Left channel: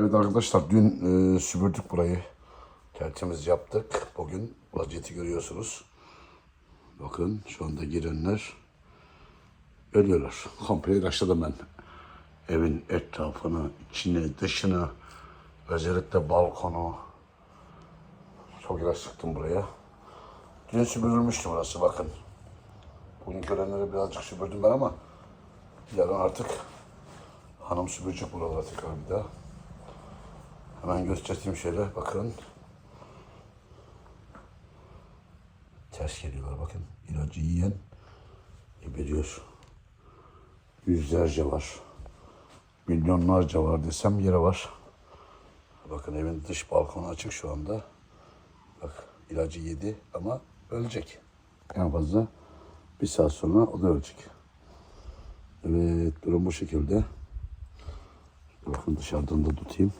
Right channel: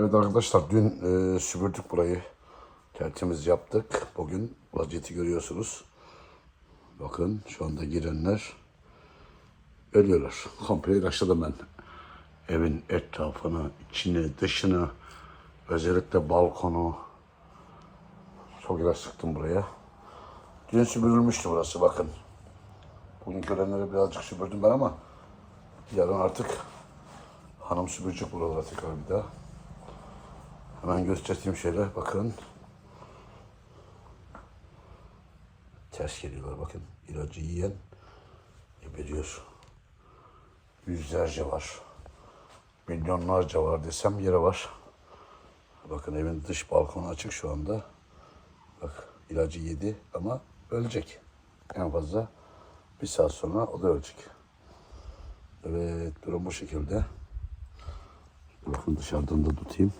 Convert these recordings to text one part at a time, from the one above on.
Evet arkadaşlar dün e, süpürdük burayı. Tertemiz yaptık. Bugün vaziyeti görüyorsunuz. Bakın şu anda girenler ölüyorlar. Komple ilaçladım ben. Evin etrafını, içine, dışını, özellikle balkonu. Çok ilaç sıktım buraya. Dün süpürülmüştü burası bakın. Bugün görenleri birazcık süpürdüm ben ama yarın artık hanım süpürecek buraları tekrar bir daha. Hemen göstereyim şöyle bakın. Ters geliyorlar bakın. İlacı yiyen geberiyor. Yüzlerce var. Milyonlarca var desem yere var. Bakın evin dış balkonu açık şu anda. Bak ilacı yedi ama ölecek. En fazla bir saat sonra o da ölecek. Evet durum bu şekilde. Bakın dışarıdan da tutayım.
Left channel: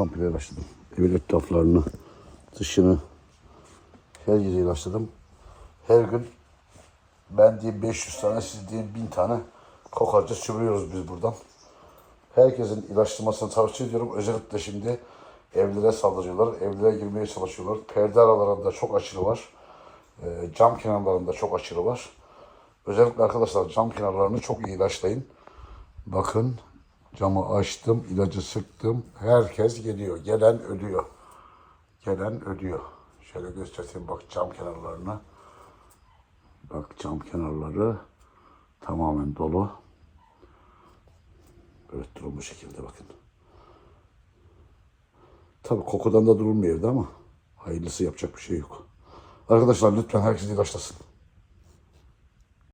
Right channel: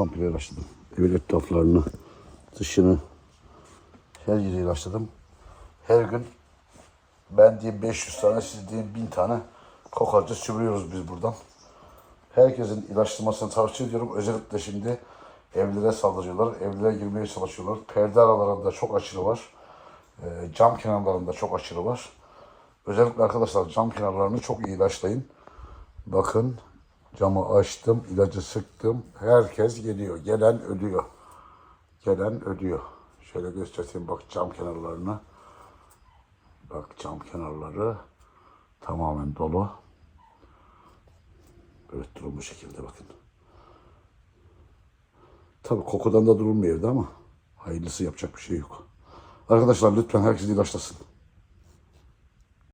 Komple ilaçladım. Evin etraflarını, dışını, her yeri ilaçladım. Her gün ben diye 500 tane, siz diye 1000 tane kokarca süpürüyoruz biz buradan. Herkesin ilaçlamasını tavsiye ediyorum. Özellikle şimdi evlere saldırıyorlar. Evlere girmeye çalışıyorlar. Perde aralarında çok aşırı var. Ee, cam kenarlarında çok aşırı var. Özellikle arkadaşlar cam kenarlarını çok iyi ilaçlayın. Bakın camı açtım, ilacı sıktım. Herkes geliyor. Gelen ölüyor. Gelen ölüyor. Şöyle göstereyim bak cam kenarlarını. Bak cam kenarları tamamen dolu. Evet durum bu şekilde bakın. Tabii kokudan da durulmuyor evde ama hayırlısı yapacak bir şey yok. Arkadaşlar lütfen herkes ilaçlasın.